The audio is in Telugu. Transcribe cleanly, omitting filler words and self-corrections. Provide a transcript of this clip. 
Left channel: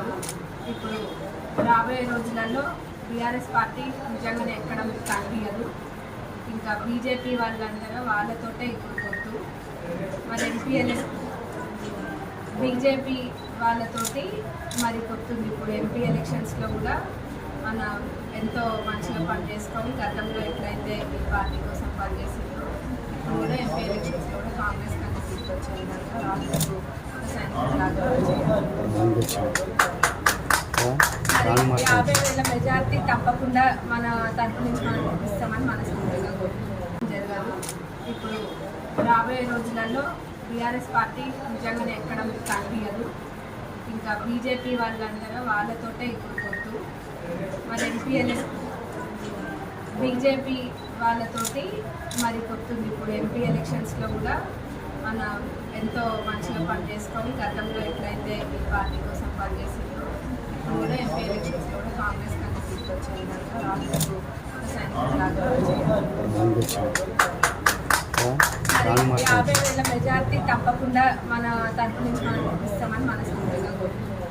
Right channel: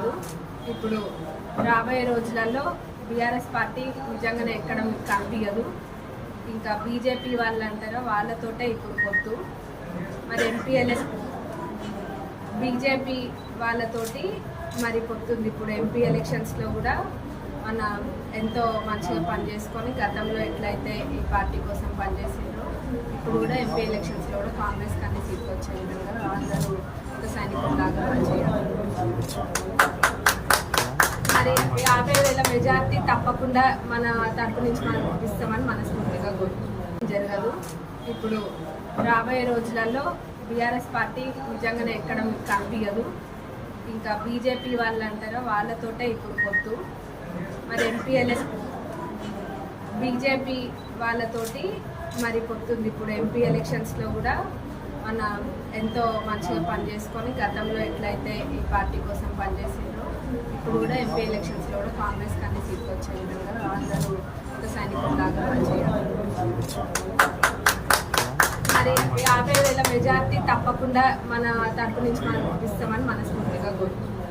జరగదు. ఇప్పుడు రాబోయే రోజులలో బీఆర్ఎస్ పార్టీ నిజంగానే ఎక్కడ మీకు కనిపించదు. ఇంకా బీజేపీ వాళ్ళు అంటారో వాళ్ళతోటే ఇప్పుడు పొత్తు. మరి బీజేపీ వాళ్ళతోటి మరి పొత్తుంది. ఇప్పుడు ఎంపీ ఎలక్షన్స్లో కూడా మన ఎంతో మంచిగా పనిచేసుకొని గతంలో ఎట్లయితే ఈ పార్టీ కోసం పనిచేసిందో ఇప్పుడు కూడా ఎంపీ ఎలక్షన్స్లో కూడా కాంగ్రెస్ కంటే సీట్లు వచ్చే విధంగా అందరూ ఒక సైనికులాగా చేయాలి. మరి 50,000 మెజార్టీ తప్పకుండా మన తరపు నుంచి మనం ఇస్తామని మనస్ఫూర్తిగా కోరుకుంటున్నాం. జరగదు. ఇప్పుడు రాబోయే రోజులలో బీఆర్ఎస్ పార్టీ నిజంగానే ఎక్కడ మీకు కనిపించదు. ఇంకా బీజేపీ వాళ్ళు అంటారో వాళ్ళతోటే ఇప్పుడు పొత్తు. మరి బీజేపీ వాళ్ళతోటి మరి పొత్తుంది. ఇప్పుడు ఎంపీ ఎలక్షన్స్లో కూడా మన ఎంతో మంచిగా పనిచేసుకొని గతంలో ఎట్లయితే ఈ పార్టీ కోసం పనిచేసిందో ఇప్పుడు కూడా ఎంపీ ఎలక్షన్స్లో కూడా కాంగ్రెస్ కంటే సీట్లు వచ్చే విధంగా అందరూ ఒక సైనికులాగా చేయాలి. మరి 50,000 మెజార్టీ తప్పకుండా మన తరపు నుంచి మనం ఇస్తామని మనస్ఫూర్తిగా కోరుకుంటున్నాం.